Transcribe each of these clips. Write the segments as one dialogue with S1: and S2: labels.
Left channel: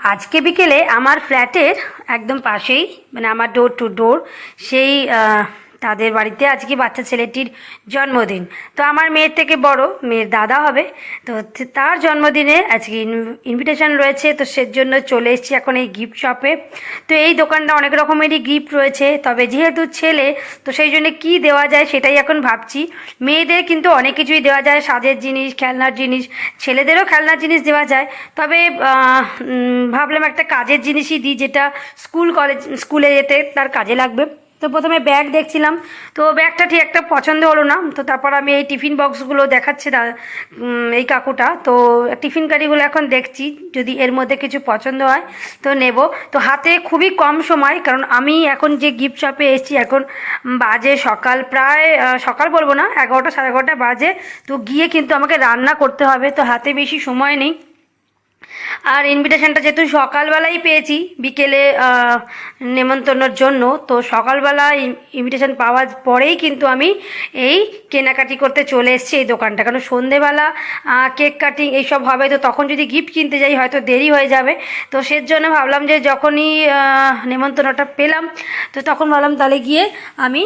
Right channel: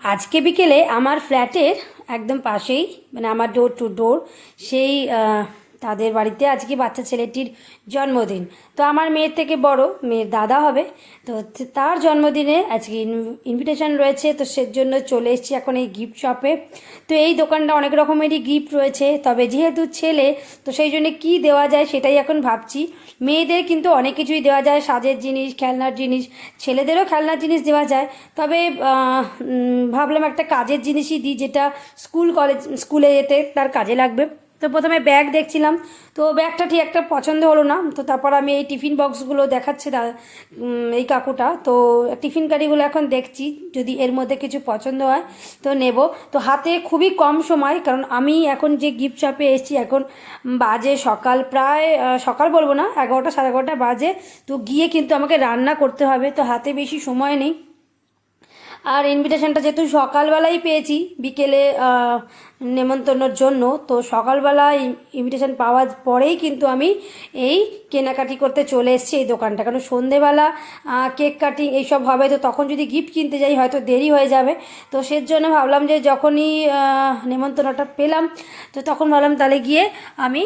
S1: আজকে বিকেলে আমার ফ্ল্যাটের একদম পাশেই মানে আমার ডোর টু ডোর সেই তাদের বাড়িতে আজকে বাচ্চা ছেলেটির জন্মদিন। তো আমার মেয়ের থেকে বড়, মেয়ের দাদা হবে। তো তার জন্মদিনে আজকে ইনভিটেশন রয়েছে। তো সেজন্য চলে এসেছি এখন এই গিফট শপে তো এই দোকানটা অনেক রকমেরই গিফট রয়েছে। তবে যেহেতু ছেলে, তো সেই জন্য কী দেওয়া যায় সেটাই এখন ভাবছি। মেয়েদের কিন্তু অনেক কিছুই দেওয়া যায়। সাজের জিনিস, খেলনার জিনিস, ছেলেদেরও খেলনার জিনিস দেওয়া যায়। তবে ভাবলাম একটা কাজের জিনিসই দিই, যেটা স্কুল, কলেজ, স্কুলে যেতে তার কাজে লাগবে। তো প্রথমে ব্যাগ দেখছিলাম। তো ব্যাগটা ঠিক একটা পছন্দ হলো না। তো তারপর আমি এই টিফিন বক্সগুলো দেখাচ্ছে দা এই কাকুটা। তো টিফিন কারিগুলো এখন দেখছি, যদি এর মধ্যে কিছু পছন্দ হয় তো নেব। তো হাতে খুবই কম সময়, কারণ আমি এখন যে গিফট শপে এসেছি, এখন বাজে সকাল প্রায় সকাল বলব না, এগারোটা সাড়ে এগারোটা বাজে। তো গিয়ে কিন্তু আমাকে রান্না করতে হবে, তো হাতে বেশি সময় নেই। আর ইনভিটেশনটা যেহেতু সকালবেলাই পেয়েছি, বিকেলে নেমন্তন্নর জন্য, তো সকালবেলা ইনভিটেশন পাওয়ার পরেই কিন্তু আমি এই কেনাকাটি করতে চলে এসেছি এই দোকানটা। কারণ সন্ধেবেলা কেক কাটিং এইসব হবে, তো তখন যদি গিফট কিনতে যাই, হয়তো দেরি হয়ে যাবে। তো সের জন্য ভাবলাম যে যখনই নেমন্তন্নটা পেলাম, তো তখন ভাবলাম তাহলে গিয়ে আমি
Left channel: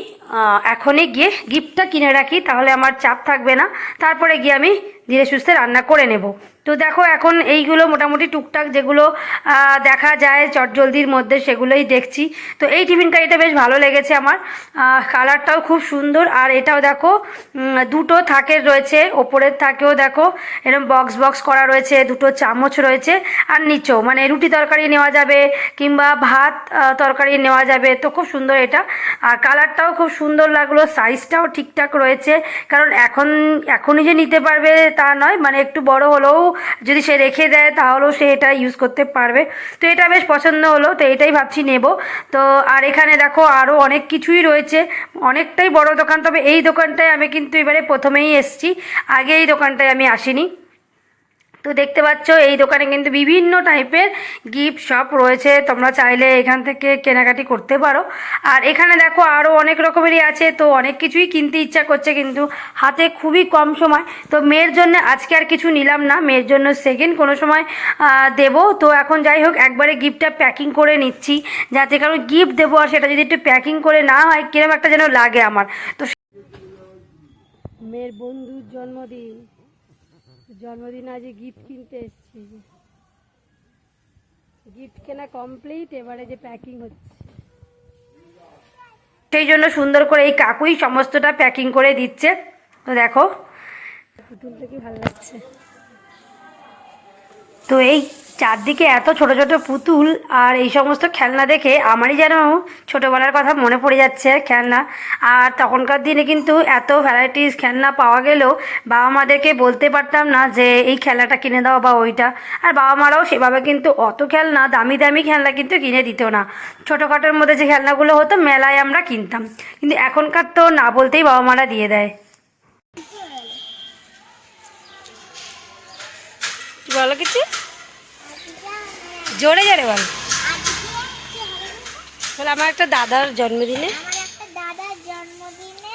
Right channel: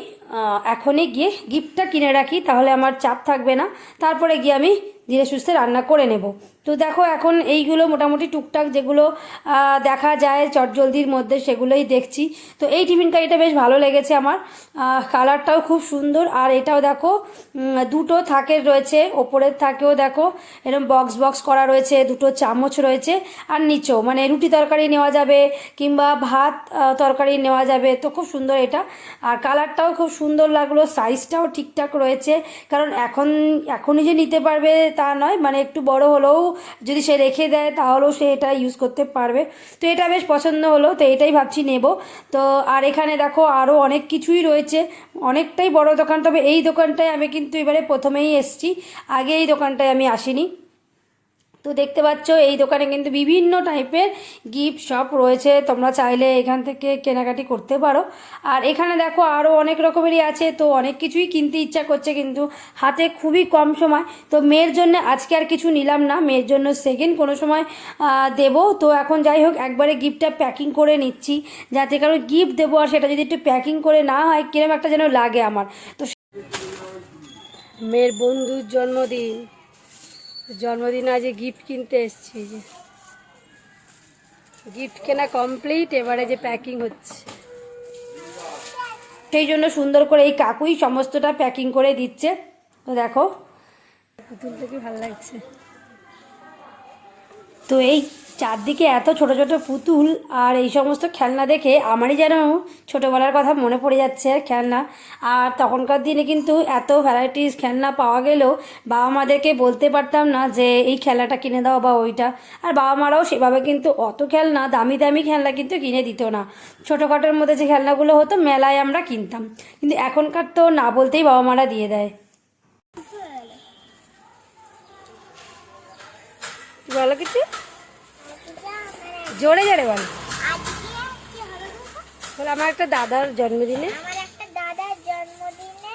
S1: এখনই গিয়ে গিফটটা কিনে রাখি, তাহলে আমার চাপ থাকবে না। তারপরে গিয়ে আমি ধীরে সুস্থে রান্না করে নেব। তো দেখো, এখন এইগুলো মোটামুটি টুকটাক যেগুলো দেখা যায় চটজলদির মধ্যে, সেগুলোই দেখছি। তো এই টিফিন কারিটা বেশ ভালো লেগেছে আমার। কালারটাও খুব সুন্দর। আর এটাও দেখো দুটো থাকের রয়েছে, ওপরের থাকেও দেখো এরকম বক্স বক্স করা রয়েছে, দুটো চামচ রয়েছে, আর নিচেও। মানে রুটি তরকারি নেওয়া যাবে, কিংবা ভাত তরকারি নেওয়া যাবে। তো খুব সুন্দর এটা। আর কালারটাও খুব সুন্দর লাগল সাইজটাও ঠিকঠাক রয়েছে। কারণ এখন, এখনই যে নিতে পারবে তা নয় মানে একটু বড় হলেও যদি সে রেখে দেয়, তাহলেও সে এটা ইউজ করতে পারবে। তো এটা বেশ পছন্দ হলো, তো এটাই ভাবছি নেব। তো আর এখানে দেখো আরও অনেক কিছুই রয়েছে, অনেকটাই বড় দোকান, তবে এই দোকানটায় আমি কিন্তু এবারে প্রথমেই এসছি। আগে এই দোকানটায় আমি আসিনি। তো দেখতে পাচ্ছ, এই দোকানে কিন্তু বিভিন্ন টাইপের গিফট শপ রয়েছে। তোমরা চাইলে এখান থেকে কেনাকাটি করতে পারো। আর এখানে দেখো আরও অনেক রকমেরই আছে। তো অনেক কিছুই কিনতে ইচ্ছা করছে, কিন্তু হাতে খুবই কম সময়। তো মেয়ের জন্য আজকে আর কিছু নিলাম না। মেয়ের জন্য সেকেন্ড কোনো সময় দেবো। তো এখন যাই হোক, একবারে গিফটটা প্যাকিং করে নিচ্ছি। যাতে কারণ গিফট দেবো আর সেটা যদি একটু প্যাকিং করে না হয়, কিরম একটা যেন লাগে আমার। তো মেয়ের বন্ধুর জন্মদিন। জন্মদিনে আজ গিফট কিনতে এসছি যে। গিফট কেনা কমপ্লিট এবারে যে প্যাকিং হচ্ছে। সেই জন্য সুন্দর করে এই কাকুই সমস্তটা প্যাকিং করে দিচ্ছে। তো দেখো। পুতুলটা কি ভালো লাগছে? তো এই চারদিকে এত ছোট ছোট পুতুল আর এই সমস্ত খেলনা দেখে আমারই যেন ছোটোবেলার কথা মনে পড়ে যাচ্ছে খেলনা। আর তখনকার দিনে কিন্তু এত ভ্যারাইটিস খেলনা পাওয়া গেলেও বাবা মাদেরকে বলতে পারতাম না যে এই খেলাটা কিনে দাও বা ওইটা। আর বাবা মারাও সেভাবে কিন্তু অত খেলনা, দামি দামি খেলনা কিন্তু কিনে দিত না। ছোটোখাটোর মধ্যে যে খেলনাগুলো হতো মেলায় আমরা কিনতাম। কিন্তু এখনকার তো না বলতেই বাবা মারা দিয়ে দেয়। বলো কিছু? জোরে জোরে বল। বলে আমার একটা দাদার জন্মদিনে।
S2: দাদার জন্মদিনে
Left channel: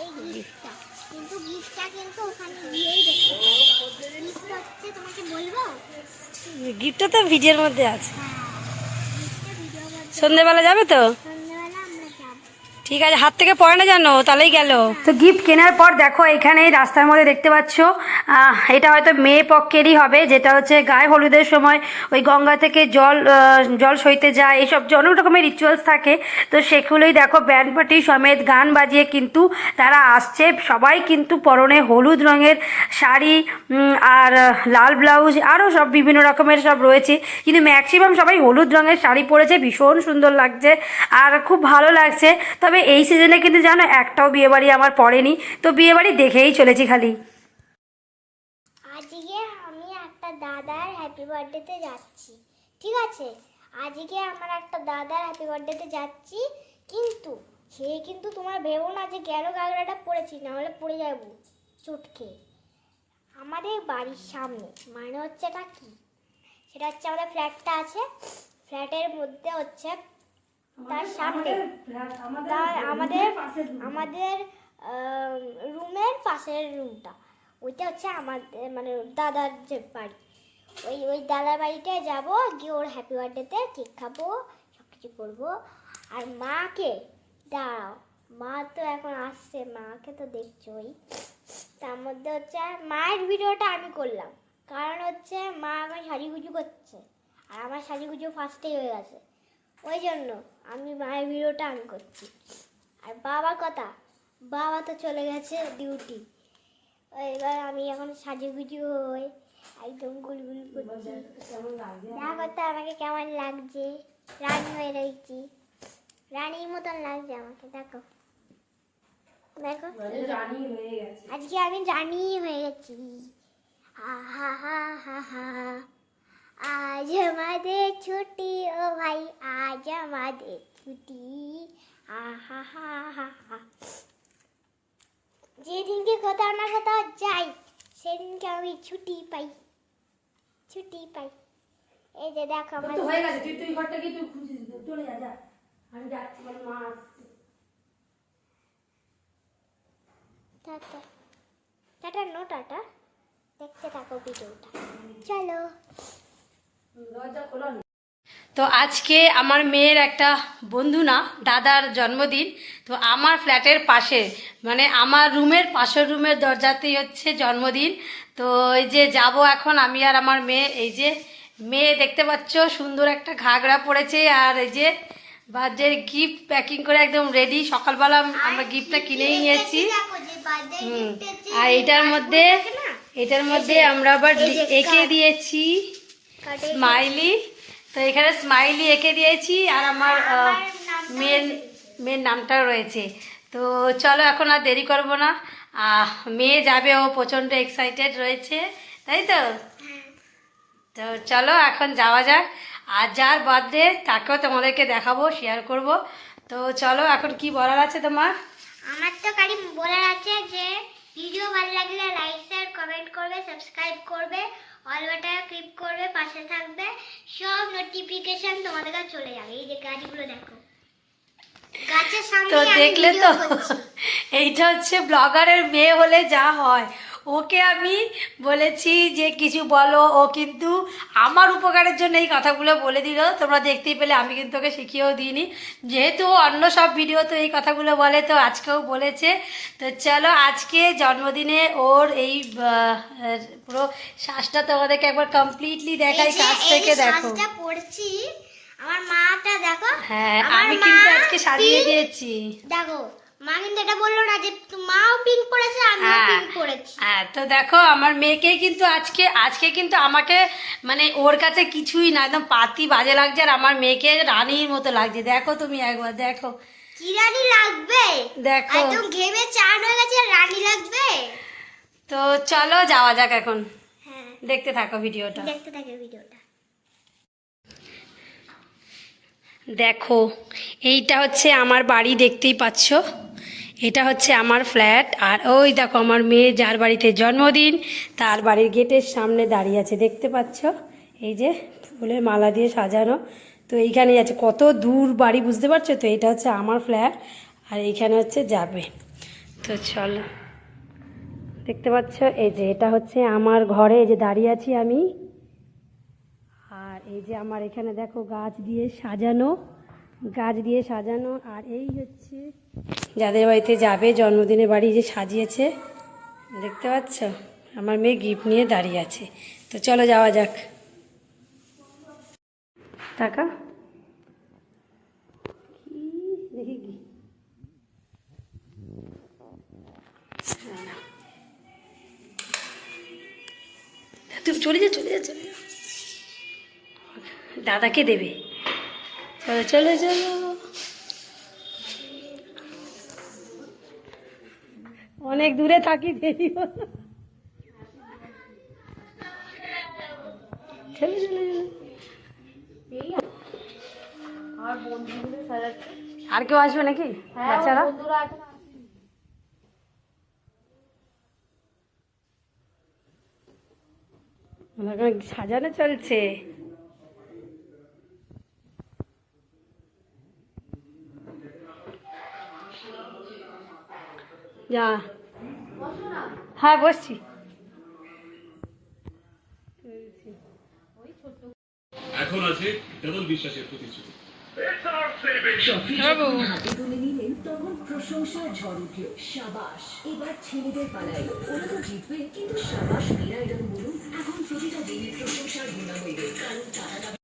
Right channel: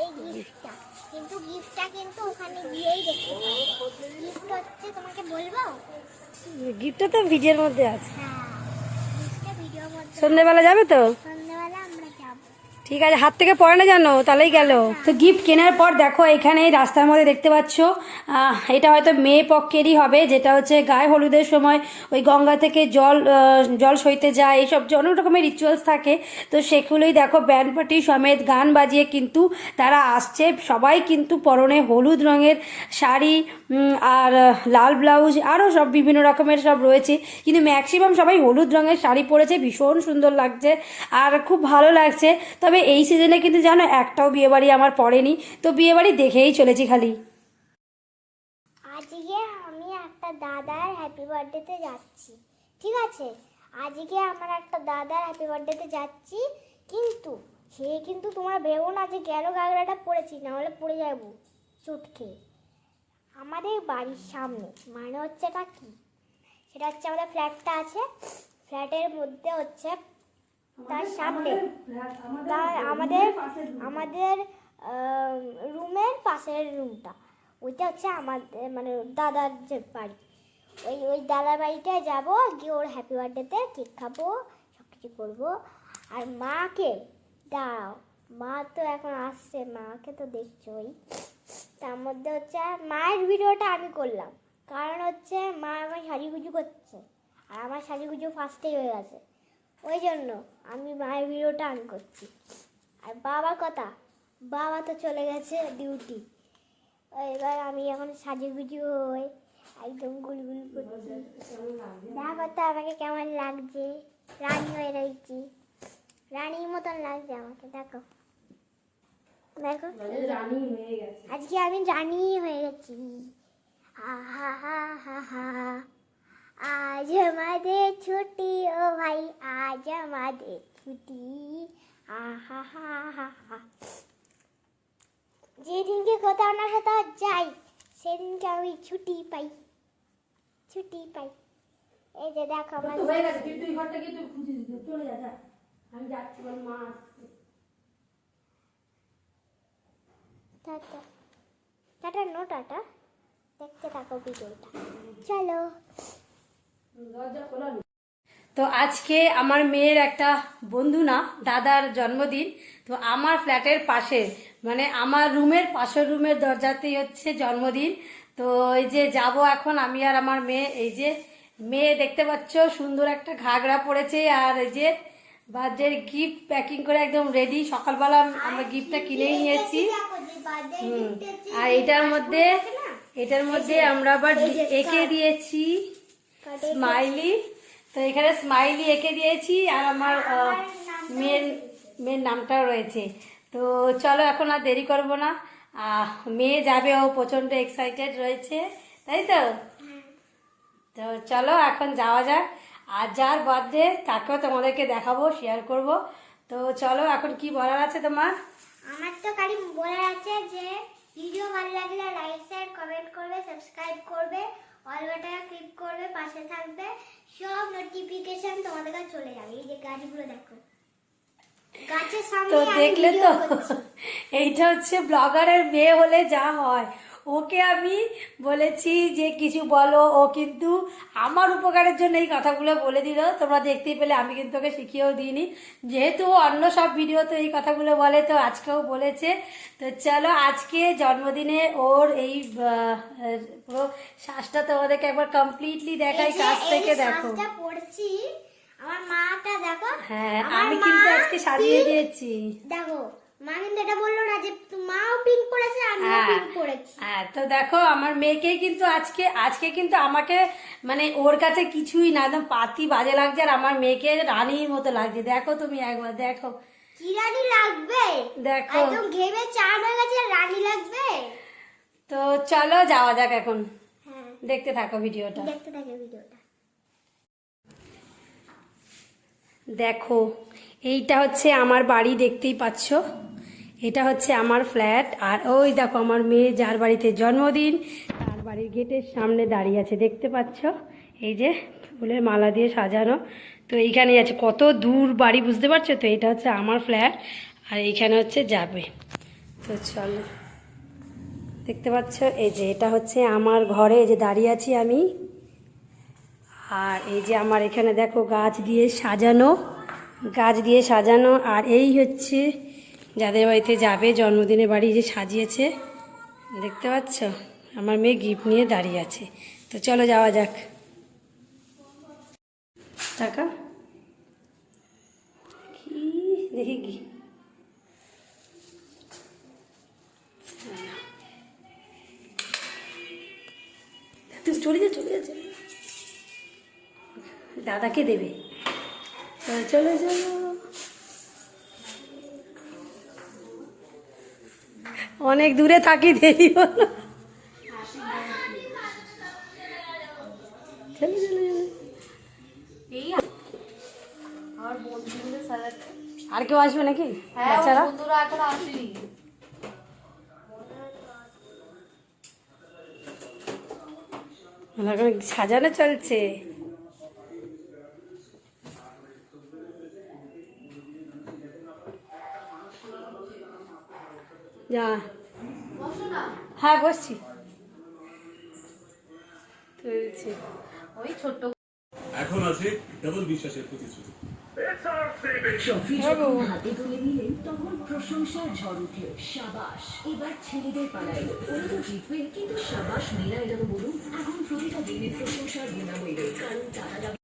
S2: এই গিফটটা। কিন্তু গিফটটা কিন্তু ওখানে গিয়েই দেখতে গিফট হচ্ছে তোমাকে বলব?
S1: গিফটটা তো ভিডিওর মধ্যে আছে।
S2: হ্যাঁ
S1: সন্ধ্যেবেলা যাবে তো?
S2: যাব
S1: ঠিক আছে, হাত থেকে পড়ে না জানো? তাহলেই গেল। তো গিফট কেনার পর দেখো, এখানে রাস্তার মধ্যে দেখতে পাচ্ছ এটা হয়তো মেয়ে পক্ষেরই হবে, যেটা হচ্ছে গায়ে হলুদের সময় ওই গঙ্গা থেকে জল জল সইতে যায় এইসব যে অনেক রকমের রিচুয়ালস থাকে। তো সেগুলোই দেখো ব্যান্ড পার্টি সমেত গান বাজিয়ে কিন্তু তারা আসছে। সবাই কিন্তু পরনে হলুদ রঙের শাড়ি আর লাল ব্লাউজ আরও সব বিভিন্ন রকমের সব রয়েছে। কিন্তু ম্যাক্সিমাম সবাই হলুদ রঙের শাড়ি পরেছে, ভীষণ সুন্দর লাগছে, আর খুব ভালো লাগছে। তবে এই সিজনে কিন্তু জানো একটাও বিয়েবাড়ি আমার পড়েনি, তো বিয়েবাড়ি দেখেই চলেছি খালি।
S2: আজকে আমি একটা দাদার হ্যাপি বার্থডেতে যাচ্ছি, ঠিক আছে? আজকে আমার একটা দাদার হ্যাপি বার্থডেতে যাচ্ছি, কিন্তু সে কিন্তু তোমরা ভেবো না যে গাগরাটা পড়েছি না হলে পড়ে যাব চটকে। আমাদের বাড়ির সামনে মানে হচ্ছে এটা কি? সেটা হচ্ছে আমাদের ফ্ল্যাটটা আছে ফ্ল্যাটের মধ্যে হচ্ছে তার সামনে। তার আমাদের আমাদের রুমের পাশের রুমটা ওইটা হচ্ছে আমাদের মানে দাদার যে বাড়ি। ওই ওই দাদার বাড়িতে যাব গিয়ে ওর হ্যাপি বার্থডেতে কেক খাব সব কিছু করব। আর মাকে দাঁড়াও মা তো এখন আসছে মাকে তো দেখছোই। তার মধ্যে হচ্ছে মায়ের ভিডিওটা আমি করলাম। কারণ হচ্ছে মা আমার সাজুগুজু করছে। আর আমার সাজুগুজু ফার্স্টেই হয়ে গেছে। ওই জন্য আমি মায়ের ভিডিওটা আমি করছি। আর বাবার কথা, বাবা তো চলে গেছে ডিউটি এবার আমি এখন সাজুগুজু হয়ে একদম গুলগুল করছি। দেখো তো আমাকে কেমন লাগছে? রানী হয়ে রয়েছি। রানীর মতন লাগছে আমাকে, দেখো। দেখো। আজকে আমি রানী হয়ে গেছি। আহা, হা হা হা। আজ আমাদের ছুটি, ও ভাই আজ আমাদের ছুটি আহা হা হা হা যেদিনকে কোথাও না কোথাও যাই সেদিনকে আমি ছুটি পাই ছুটি পাই। এই যে দেখো আমার
S1: হয়ে গেছে তুই তুই ঘরটা গিয়ে তুই খুঁজে চলে যা যা। আমি যাচ্ছি আমার মা আসছে।
S2: টাটা। Tata no tata. দেখতে থাকো ভিডিওটা। চলো।
S1: তো আজকে আমার মেয়ের একটা বন্ধু না দাদার জন্মদিন তো আমার ফ্ল্যাটের পাশে মানে আমার রুমের পাশের রুমের দরজাতেই হচ্ছে জন্মদিন। তো এই যে যাব এখন আমি আর আমার মেয়ে এই যে মেয়ে দেখতে পাচ্ছ সুন্দর একটা ঘাগরা পড়েছে আর এই যে বার্থডের গিফট প্যাকিং করে একদম রেডি সকালবেলা আমরা গিফটটা কিনেই নিয়েছি। হুম আর এটার মধ্যে এটার মধ্যে আমরা আবার এঁকে দিয়েছি স্মাইলি তো এখানে স্মাইলি এঁকে দিয়েছি আর আমার
S2: আমার নামটাও
S1: মেয়ের মেয়ের নামটাও রয়েছে। তো চলো এখন আর দেরি করব না। মেয়ে যাবে ও প্রচণ্ড এক্সাইটেড রয়েছে তাই তো? তো চলো এখন যাওয়া যাক। আর যার বার্থডে তাকেও তোমাদেরকে দেখাবো শেয়ার করব। তো চলো এখন কি বলার আছে তোমার?
S2: আমার তো খালি বলার আছে যে ভিডিও ভালো লাগলে লাইক শেয়ার কমেন্ট করবে সাবস্ক্রাইব করবে। অল বাটনে ক্লিক করবে পাশে থাকবে সব নোটিফিকেশন তোমাদের কাছে চলে যাবে। এই যে গাছগুলো দেখো। গাছের সামনে
S1: তো দেখলে তো এইটা হচ্ছে ব্লগারের মেয়ে হলে যা হয়। ওকে আমি বলেছি যে কিছু বলো ও কিন্তু আমার উপকারের জন্য এই কথাগুলো বলে দিল। তোমরা দেখতেই পেলে আমি কিন্তু ওকে শিখিয়েও দিইনি। যেহেতু অন্য সব ভিডিও তো এই কথাগুলো বলে তো আজকেও বলেছে। তো চলো আজকে জন্মদিনে ওর এই পুরো শ্বাসটা তোমাদেরকে একবার কমপ্লিটলি দেখাই
S2: এই
S1: থেকে দেখো।
S2: পড়ছি আমার মাটা দেখো
S1: হ্যাঁ আমি কিন্তু আজকে সাজিয়ে দিয়েছি।
S2: দেখো মা কিন্তু এটা বলল না যে মাও পিঙ্ক পড়েছে আমিও
S1: হ্যাঁ।
S2: পিঙ্ক
S1: হ্যাঁ তো দেখো আমার মেয়েকে কিন্তু আজকে আজকে কিন্তু আমাকে মানে ওর কাছে কিছুই না একদম পাতি বাজে লাগছে আর আমার মেয়েকে রানীর মতো লাগছে। দেখো তুমি একবার দেখো।
S2: কি রানী লাগবে?
S1: দেখো।
S2: একদম ঘেমে চান হয়ে গেছে আর রানী লাগবে?
S1: তো চলো যাওয়া যাক এখন।
S2: হ্যাঁ।
S1: দেখতে থাকো ভিডিওটা।
S2: দেখতে থাকে ভিডিওটা।
S1: দেখো এইটা হচ্ছে আমার বাড়ি দেখতেই পাচ্ছ? এটা হচ্ছে আমার ফ্ল্যাট। আর ওই দেখো আমার মেয়ে যার বাড়িতে জন্মদিন, তার বাড়ির গেটের সামনে দাঁড়িয়ে আছে, দেখতে পাচ্ছ? এই যে ফুলের মালা দিয়ে সাজানো। তো এইখানেই আছে, কত দূর বাড়ি বুঝতে পারছ তো? এটা হচ্ছে আমার ফ্ল্যাট, আর এইখানে হচ্ছে যাবে। তো চলো, দেখতে পাচ্ছ? এই যে এটা হচ্ছে আমার ঘরে, এই যে দাঁড়িয়ে আছি আমি। আর এই যে আমার এখানে দেখো গাছ দিয়ে সাজানো, গাছ দিয়ে সাজানো। আর এই হচ্ছে যাদের বাড়িতে যাবে জন্মদিনে বাড়ি যে সাজিয়েছে, দেখতে পাচ্ছ? আমার মেয়ে গিফট নিয়ে দাঁড়িয়ে আছে। তো চলো যাওয়া যাক। টাকা? কি? দেখি কি? তুমি চলে যা চলে যা চলে যা দাদাকে দেবে। চলো চলো চলো। অনেক দূরে থাকি দেরি হলো। চলো চলো চলো। আর কেউ আসবে নাকি? বাচ্চারা? সাজানো চলছে। যা হ্যাঁ বসছি।
S3: এখন আছে ডাবল বিশ্বাসের প্রতিশ্রুতি
S4: হাতে তুলে নিলেন তখন প্রশংসার ঝড় উঠল সাবাস এবার ছেলেদের পালায় ওরা তো জিতবে কিন্তু সাবাস মেয়েরা এরকম বলুন এখন প্রতিটা দিনে প্রশংসার বিনামূল্যে কারণ তারা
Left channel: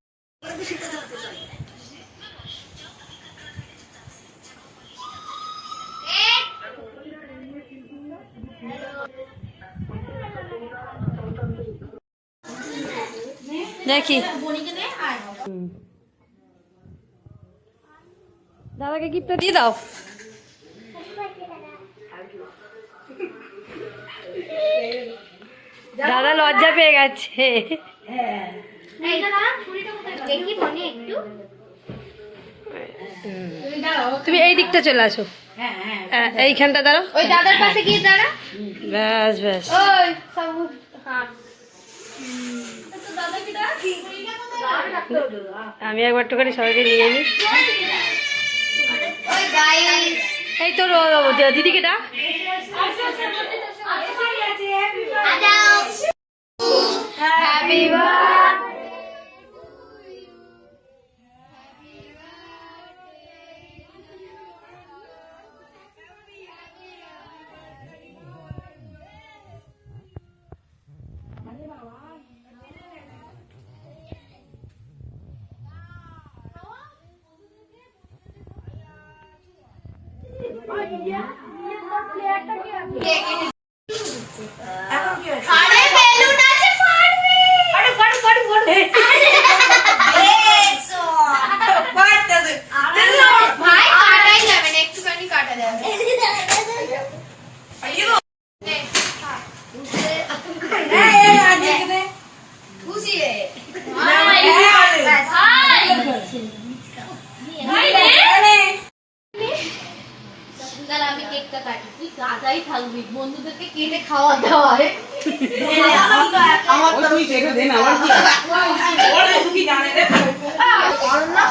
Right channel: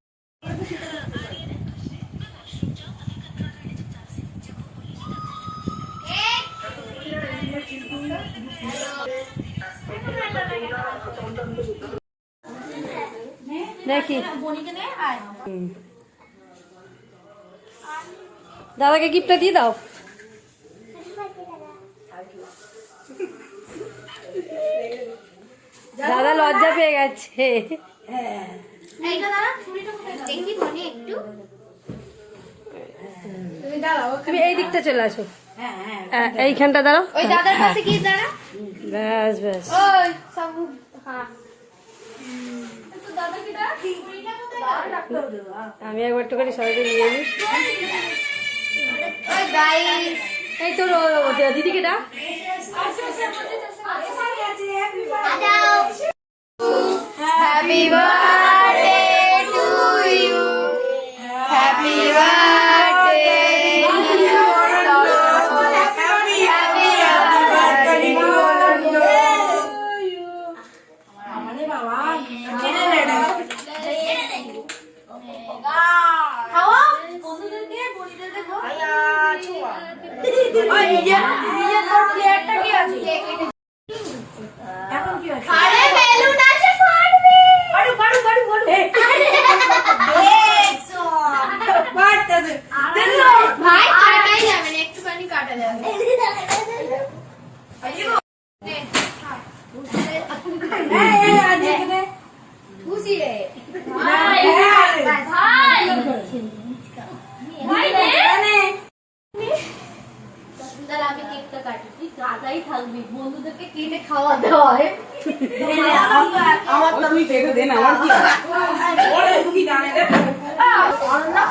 S1: দেখি। দাদাকে গিফটটা দিয়ে দাও। দাদা লজ্জা পেয়ে গেছে। তুমি এই দিকটা চলে আসো। হ্যাঁ, এইখানটা দাঁড়াও। ব্যাস ব্যাস।
S2: হ্যাঁ।
S1: আমি একবার একটুখানি সবাইকে নিয়ে নিই
S2: ওই
S1: এই তোর দিদিকে ডাক।
S2: হ্যাঁ birthday to you happy birthday আরে বেলুন আছে ফাটবে আরে ফাটু ফাটু ফাটু ভাই কাটাই যাবে না একটুখানি কাটা যাবে খুশি রে ভাই ভাই দাদা আমি কেকটা কাটি তুই কাটাই থাকবি বন্ধুদেরকে কেটে খাওয়া দাওয়া হয়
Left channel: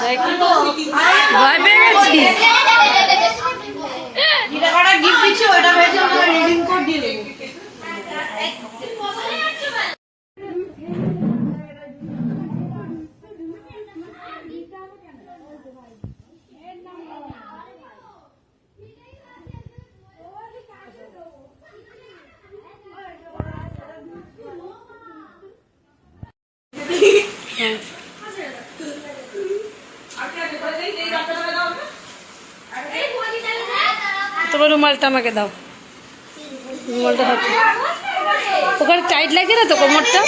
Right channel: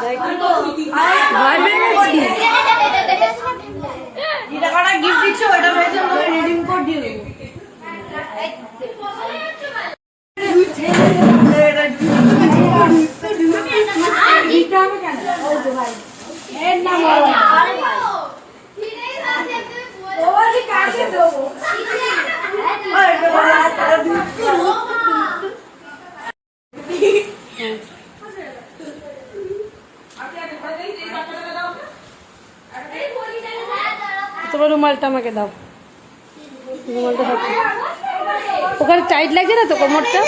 S1: দেখি ভয় পেয়ে গেছি তোমার রুমালটা আমাকে দাও। রুমালটা হাতে ওখানে টাইট লাগছে না তো কোমরটা?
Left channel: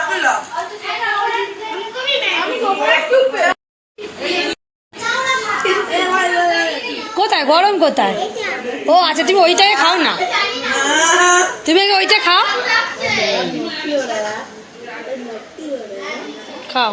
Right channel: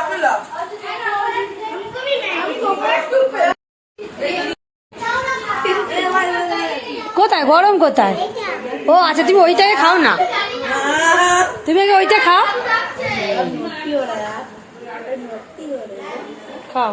S1: কোথায় গরম কোথায়? ও আচ্ছা তুমি ওইটাকে খাও না। তুমি আগে ওইটা খাও। খাও।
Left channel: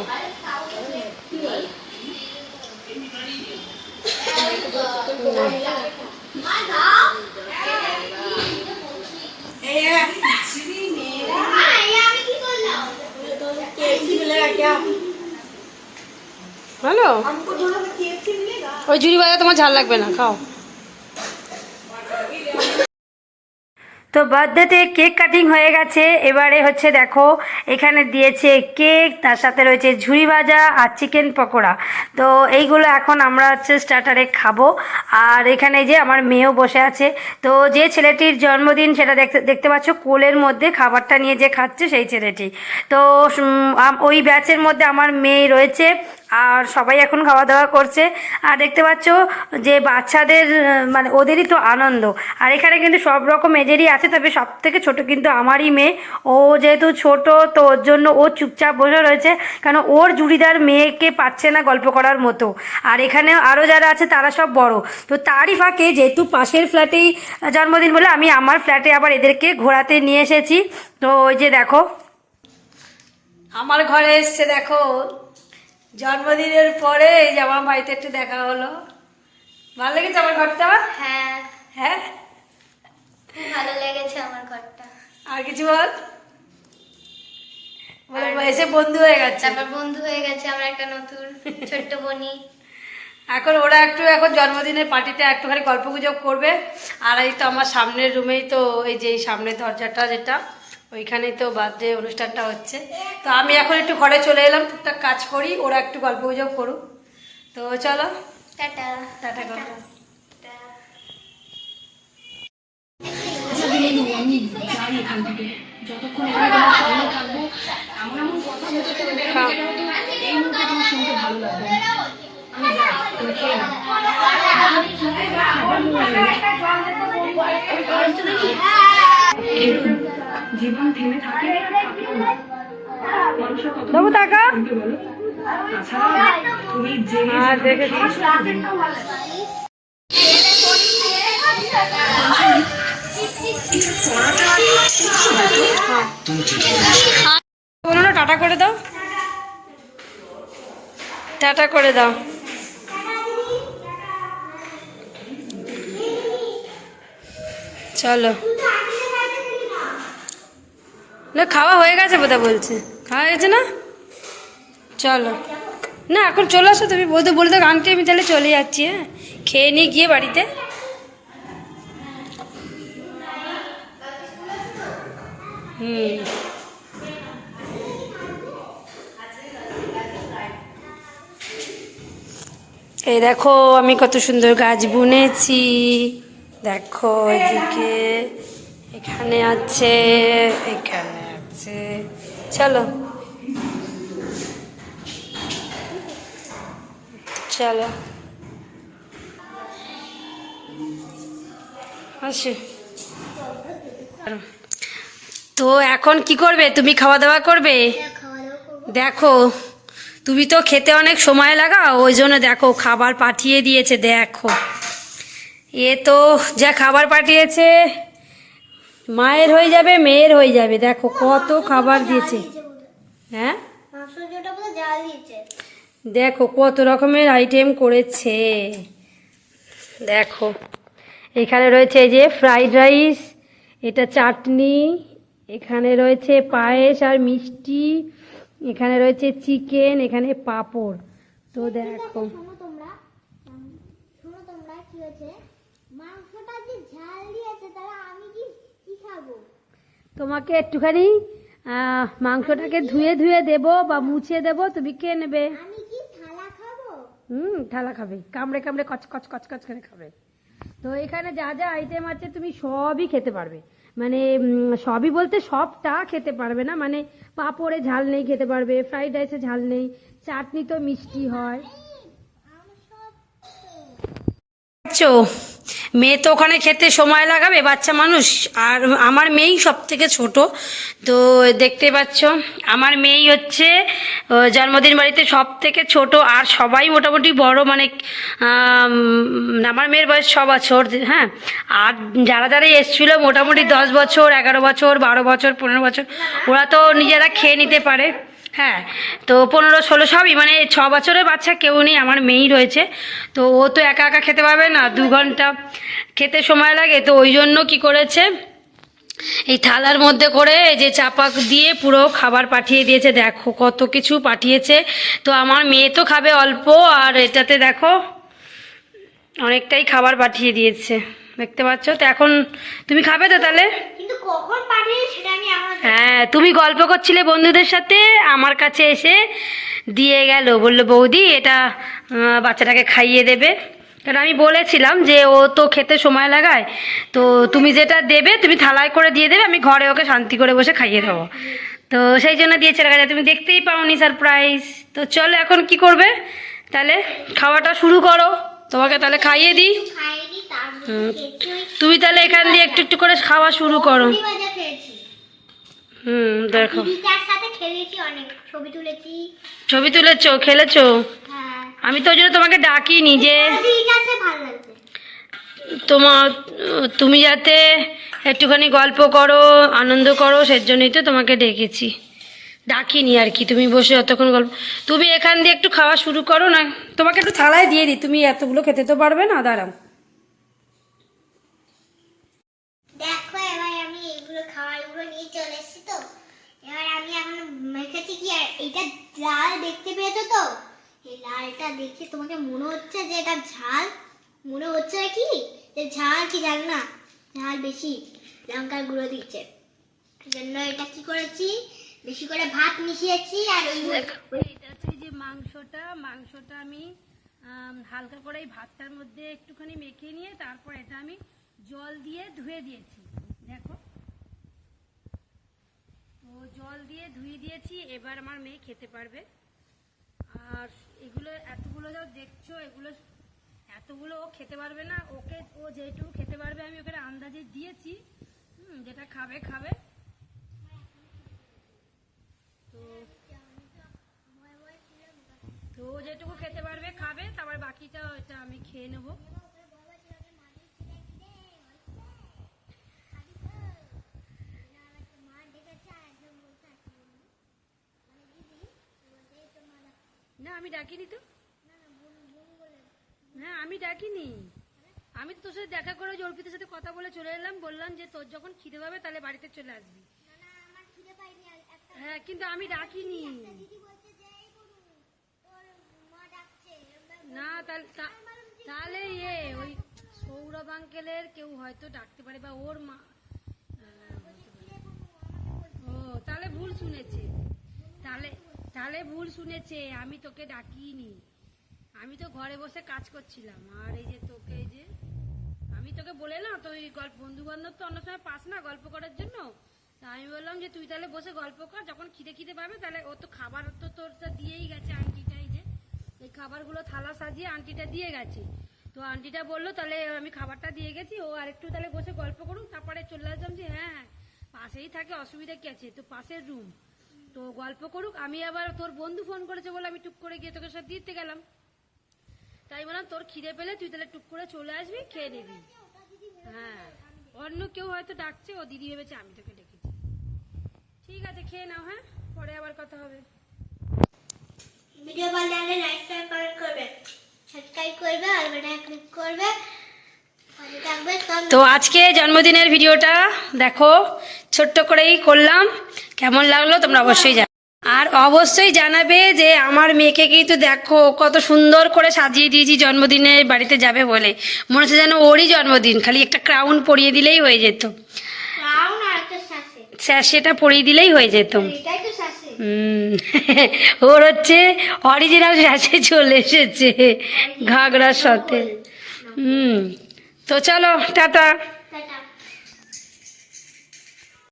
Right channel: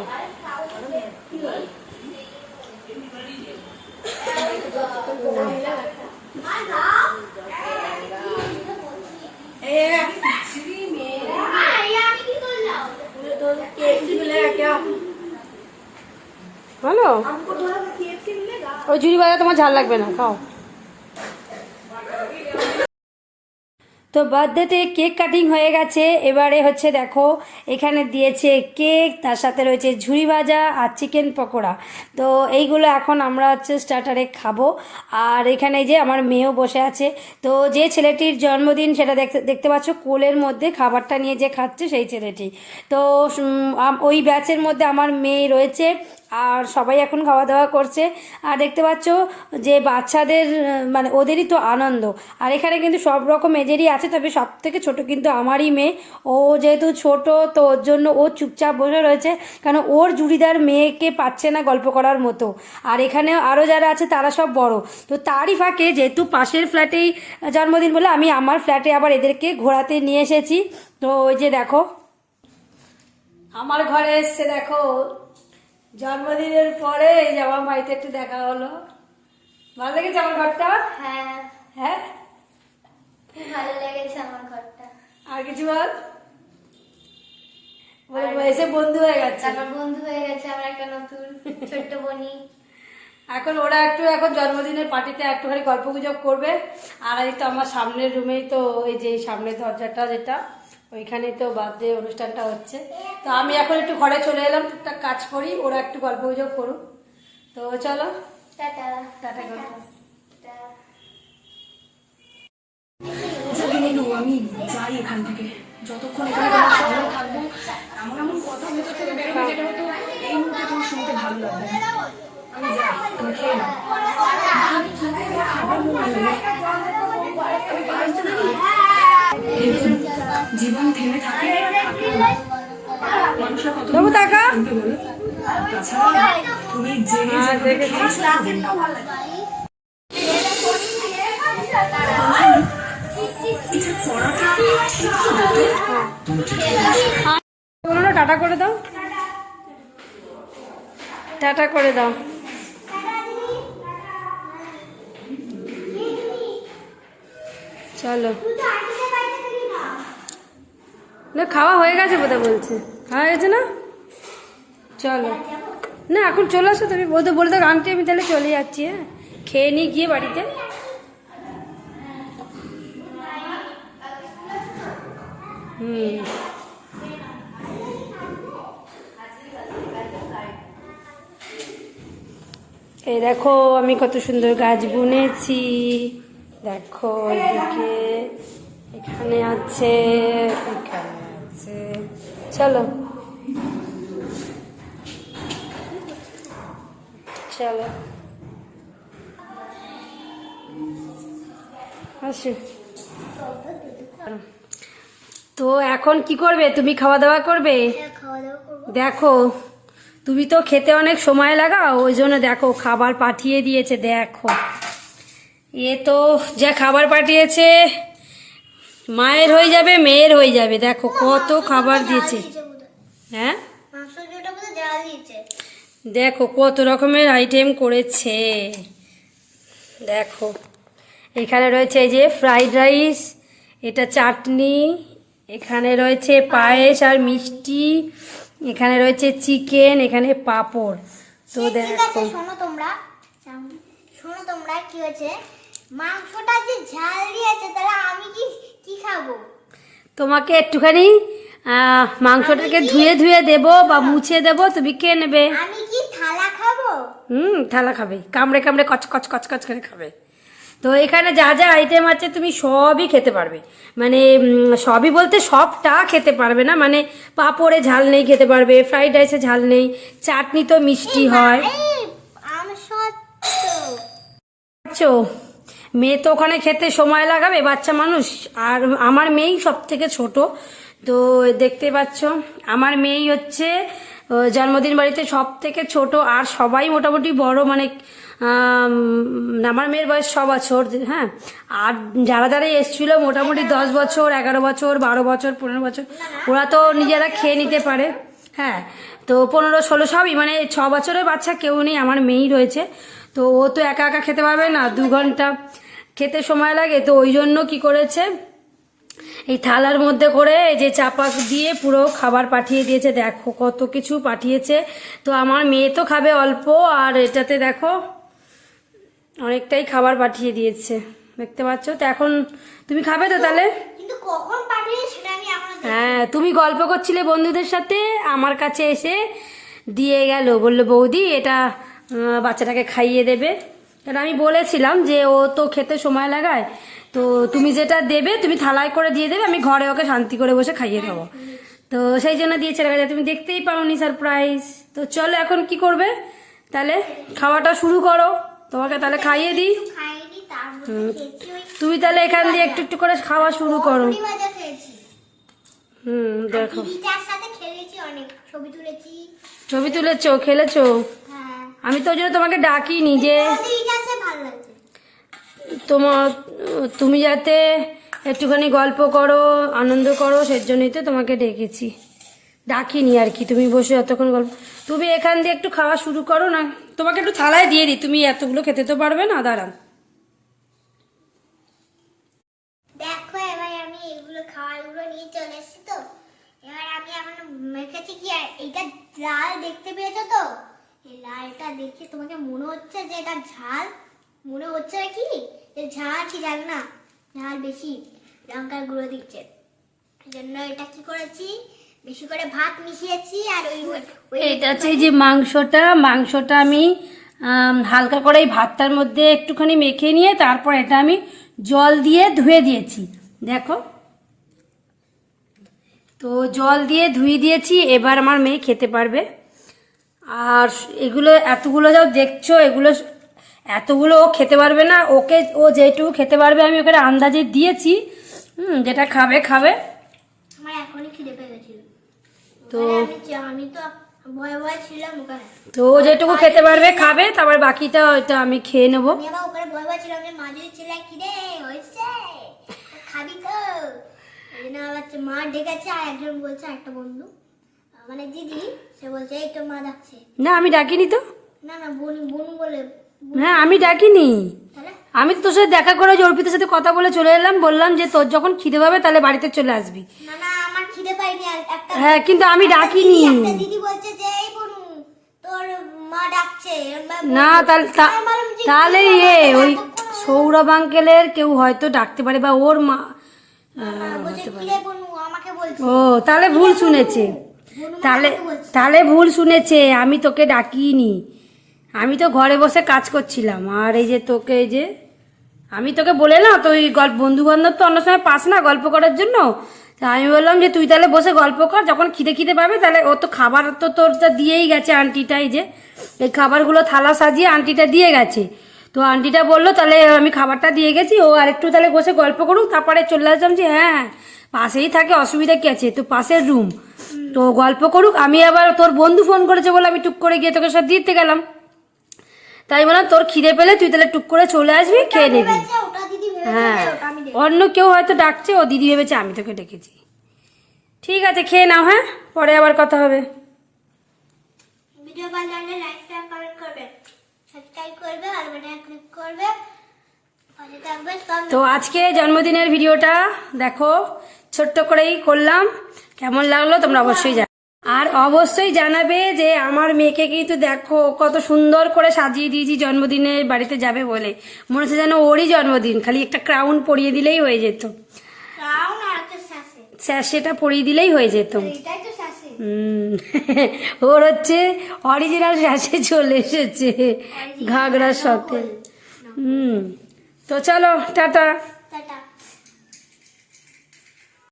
S1: ভালো? ওই ঝুড়ি বাজা তোমার ঝাল লাগবে না, খাও। তো বার্থডেতে কেক কাটিং হয়ে গেছে, এবারে হচ্ছে দেখো, এখানে দিয়েছে কেক, তার সাথে রয়েছে ঝুড়ি ভাজা আর চিকেন পকোড়া। তো এইগুলো এখন আমরা হচ্ছে স্টার্টারে খাব। আর এখানে যে আমার মেয়েও বসে আছে, তো যে ছেলেটির জন্মদিন সেটা দেখতে দেখতে পাচ্ছ, কোলের মধ্যে খাবারটা নিয়ে যে খাচ্ছে সেই ছেলেটি। তো ওই ব্যাচের মধ্যে আমার মেয়ে রয়েছে আর সবাই এখন খাওয়া দাওয়া করছে। আর দেখতে পাচ্ছ যে বাচ্চাদের মানে ওদেরই তো আনন্দ। আর এখানে কিন্তু সব রকম এজেরই আছে, তবে সব থেকে ছোট কিন্তু আমারই মেয়ে। ও যেহেতু ছোট, তো ওর জন্য ও চুপচাপ বসে রয়েছে। কারণ ওর জুড়িদার মেয়েকে পাচ্ছে না গল্প করার মতো। আর এখানে আরও যারা আছে, তারা সব বড়। তো তারই ফাঁকে যেহেতু পাশের ফ্ল্যাটেই জন্মদিন বলে, আমি আমার ফ্ল্যাটে আবার এদেরকে ঘোরাতে নিয়ে এসেছি। তো ওই যে দেখো। আমার ঘরে এসছে, দেখো। জন্মদিনের পরে এই যে আমার বাড়িতে একটু দেখা হলো। ভালো লেগেছে আমার ঘরটা?
S2: হ্যাঁ।
S1: হ্যাঁ?
S2: খুব ভালো লেগেছে আমার ঘরটা।
S1: আর কিছু বল? এসে বন্ধু হয়ে গেছে।
S2: তারপর বন্ধু হয়ে গেছে আমার একটা নতুন ছোট্ট বনি।
S1: এখন ওরা একটু এখন জন্মদিনের পার্টিতে একটুখানি গল্প গুজব করবে। আর এই তো আমার সামনের রুমেই তো এই যে সামনের দরজাটা যেটা। ওইখানেই তো বার্থডে অনুষ্ঠানটা হচ্ছে। তো আমি এখন একটু ঘরে চলে এলাম টুকটাক কাজ করি ওরা একটু গল্প গুজব করুক। তো চলো।
S2: টাটা।
S1: টাটা করো।
S4: আচ্ছা দিলু আমি যাই এখান থেকে। যতক্ষণ এখানে তোমার সঙ্গে থাকব এমন এমন কথা বলতে তো
S1: খাও।
S4: এই মুহূর্তে তোমার শুনতে ভালো লাগবে আমি যাই জীবন থেমে থাকে
S1: বাবু টাকা
S4: তুমি যে
S1: বলো না টাটা করে দাও। টাটা করে দাও। চলো। না, খাওয়া হয়ে গেছে বোধহয় বলছে। খাওয়া গেছে না? চলো। না, এখন চলে আসো তুমি। বলতে, বলে দাও আন্টি, আমি তাহলে চলে যাচ্ছি হ্যাঁ? খেয়ে নিয়ে গিয়ে বাড়িতে। হুম। এই দেখো, আমি কত সুন্দর গাছ বুনেছি। দেখো, এদিকে এখানে আছে, এখানে আছে চলো। চলো। আসি। তো এখন কি করবে? তুমি খাওয়া দাওয়া করবে?
S2: খাওয়া দাওয়া করব।
S1: দেখো তুমি তো খেতে অনেক সময় লাগাও ওই জন্য দেখো খাবার পাঠিয়ে দিয়েছে দেখো। এ তো যা খাবার পাঠিয়েছে মায়ের হয়ে যাবে মেয়ের হয়ে যাবে। দেখো কত খাবার দিয়েছে। হ্যাঁ? দেখো কত রকমের আইটেম করেছে। দেখো এখানে রয়েছে যে ফ্রাইড রাইস এটা চাটনি এখানে রয়েছে পায়েস আর মিষ্টি এখানে রয়েছে চিকেন এখানে পাঁপড়। তো দেখো।
S2: শোনো তোমরা। শোনো তোমরা কি হয়েছে? মাংসটা যে ঝাল দিয়েছে তাহলে আমি কি কি খাব?
S1: তোমাকে একটুখানি মাংসটাকে ধুয়ে ধুয়ে দেবো বা মুছে দেবো তুমি কে নেবে?
S2: আমি কি থালা খাব?
S1: হুম থালা খাবে। কামড়ে কামড়ে কচ কচ কচ কচ করে খাবে। তো এখানে যা যা আইটেম আছে তুমি সবই খেতে পারবে। মানে সবই বলতে সবটা খেতে পারবে না। মানে পাঁপড়ে ঝাল নেই খেতে পারবে ফ্রাইড রাইসে ঝাল নেই চাটনি তো মিষ্টি হয়। চো মেয়ে তো ওখানে খেতে সময় লাগাবে, বাচ্চা মানুষ। আর আমার মেয়েই সব থেকে ছোট। তো দেখতে পাচ্ছ, আমার মেয়েই হচ্ছে জন্মদিন বাড়িতে সব থেকে ছোট। আর সবাই মোটামুটি বড় মানে আমার মেয়ের বয়স ছ বছর হ্যাঁ। আর যারা যারা এসছিল মোটামুটি দশ বছর, এগারো বছর, বারো বছর, পনেরো বছর, ওরা তো নিজেরা খেয়ে নিতে পারে হ্যাঁ। তো পনেরো, ষোলো সবই মানে ছ বছরের বাচ্চা কেউ নেই, আমার মেয়েই রয়েছে। তো ও তো একা একা খেতে পারবে না, দু ঘণ্টা। খেতে সময় লাগে তো ওই জন্য কি করেছে? এই থালার মধ্যে করে এই যে চাপা দিয়ে পুরো খাবার পাঠিয়ে দিয়েছে। দেখো কত কিছু পাঠিয়েছে। তো আমার মেয়ে তো খাবে অল্প আর এটাতে দেখো অনেকটাই খাবার পাঠিয়ে দিয়েছে। দেখতে পাচ্ছ? তো এখন তুমি খাবে তো তাহলে? হ্যাঁ তুমি গল্প করছিলে বন্ধুদের সাথে আমার কাছে এসে দিয়ে গেল। বলল বৌদি এটা বাচ্চাটাকে খাইয়ে দেবে। কারণ আমি বলেছিলাম যে ও তো খেতে সময় লাগায় তো তুমি যেটা দেবে তুমি থালায় করে দিয়ে দেবে আমি ঘরে ওকে শান্তি করে বসে খাইয়ে দেবো তো সেই জন্য দিয়েছে রাখা তুমি দেখতেই পাওনি সারপ্রাইজ তো চলো এখন কি করবে? তাহলে খাওয়াটা শুরু করো। তোমাকে তাহলে খাইয়ে দিই। তুমি তাহলে এখান দিয়ে একটু একটু করে খাওয়া শুরু করো। হুম দেখো।
S2: তুলেছি।
S1: ছবি তুলেছো খেলেছো?
S2: হ্যাঁ।
S1: আমি তো ওই জন্য তোমাকে
S2: ভালো লাগছে
S1: তোমার তুমি যাতে একটুখানি গল্প করো, আনন্দ করো সেই জন্যই তো তোমাকে ডেকেছি। ডাকিনি আর কি, তুমি বসে অতক্ষণ গল্প তুমি এখান দিয়ে একটু খাওয়া শুরু করো না। তোমাকে একটু থালায় দিয়ে দিই, তুমি এতগুলো খেতে তো পারবে না, দাঁড়াও।
S2: দেখো, এবার আমি নিয়ে চলে তো। এবার আমি এখন কি আর? এটা দেখতে পেয়েছ তো? এই লালটা দেখে তোমাকে মনে হচ্ছে যে এটা ঝাল? মনে হচ্ছে কি? যে ঝাল কি জানি না? ঝাল বেশি লঙ্কার গুঁড়ো দিচ্ছে। জন্য এটা কি করেছি? বেশি করে ভাত মিশিয়েছি আর ওই ওই
S1: এটা হচ্ছে যে মাংসটা। মাংসটা আমি হালকা করে এই ভাতটার মধ্যে একটুখানি মেখে নিয়ে তারপর এটা আমি জল দিয়ে ধুয়ে দিয়েছি। দেখো। তো জল দিয়ে ধুয়ে দিয়েছি এবার আমার মেয়ে খেতে পারবে। আর এগুলো এতগুলো যাও দেখছ এগুলো এতগুলো ও খেতে পারবে না ওকে ও যেটুকু খেতে পারবে আমি ওকে আন্দাজে দিয়েছি হুম যেটা খাবে খাবে।
S2: আমার এখনই খিদে পেয়ে গেছিল।
S1: তো
S2: আমি তো ভয়ে ভয়ে ছিলাম ওখানে।
S1: তো ও যেটুকু খেতে পারবে খাবে তারপর বাকিটা ওইটা আমি খেয়ে নেব।
S2: ওখানে ভয়ে ভয়ে ছিলাম মা যদি ছেলে খিদে হয়েছে খাবি তো। এই জন্য আবার হচ্ছে মা ডেকেছে আর একজন বলছে একটা বন্ধু। মানে দিদি সে বলছে এই তো মা ডাকছে।
S1: না আমি ডাকিনি তো।
S2: না না বোন বোন বলে
S1: হ্যাঁ আমি ডাকিনি। আমি তো তোর সাথে দেখা করে অর্পিতের সাথে কথা বলে চলে এলাম বললাম যে তোর যখন খিদে পাবে তাহলে বাড়িতে চলে আসবি।
S2: না না আমার খিদে পাইনি একটা
S1: হ্যাঁ কিন্তু আমি ডাকিনি।
S2: একটা দিদি বলছে যে এই বনু তোর মা ডাকছে।
S1: না তাহলে তা-
S2: আমি বললাম যে
S1: তাহলে ইয়ে ওই সৌরভ আঙ্কেলের কেউ হয়তো ডাকতে পারে বা ওর মা ও তাহলে ভুল শুনেছে। তাহলে তাহলে ভুল শুনেছে, আমি তোকে ডাকিনি। আমি তো ঘরে বসে কাজ করছিলাম, আর এই যে তোকে এই যে, আমি তোকে বলে না তো ওই গল্প বন্ধু বান্ধব তো অন্য সময় পাস না গল্প করার জন্য। তা আমি বললাম যে, তুই তাহলে বসে গল্প কর, যখন খিদে খিদে পাবে, তাহলে ও তো খাবার তো তোর যা দিয়েই গেছে, আন্টিটা এই যে, এই খাবারগুলো থালা সাজিয়ে আন্টিটা দিয়ে গেছে। তো আন্টিটা বলল, তাহলে আমি খাবারটা দিয়ে গেছি, ও আরেকটু তাহলে বসে গল্প করুক, তারপরে চলে আসলাম যে হ্যাঁ পাশেই থাকে অসুবিধা কি আছে? তো পাশের রুম তো গল্প করুক আমি আবার তোর বন্ধু ফোন করেছে বলে আমি টুক করে গিয়ে তোকে সব দিতে গেলাম। তাই বললাম তোর খিদে পেলে তুই তাহলে টুক করে চলে আসবি খেয়ে নিবি। হ্যাঁ। অন্য কেউ হয়তো ডাকছে ও দিদি ভেবেছে আমি তোকে ডেকেছি। ঠিক আছে খেয়ে নাও হ্যাঁ? পরে আবার কথা হবে।
S2: ভিডিও ভালো লাগলে লাইক শেয়ার কমেন্ট করবে সাবস্ক্রাইব করবে আর বেলায় ক্লিক করবে।
S1: তো আজকে জন্মদিনের ভিডিওটা দেখো ছোট্ট করেই করলাম। কেমন লাগল তোমরা অবশ্যই জানো আর অবশ্যই জানাবে যে আমার মেয়েকে কিন্তু দেখো কত সুন্দর করে সাজিয়ে দিয়েছি জন্মদিনে বাড়িতে যাবে বলে। মনে হচ্ছে যেন ওরই জন্মদিন খালি একটা ক্রাউন পরিয়ে দিলেই হয়ে যেত। স্যার সেটা পরিয়ে দিলেই হয়ে যেত। হুম ওর হচ্ছে অরিজিনাল স্যাসে চলে এসেছে ঘাগরার সাথে হুম। তো চলো টাটা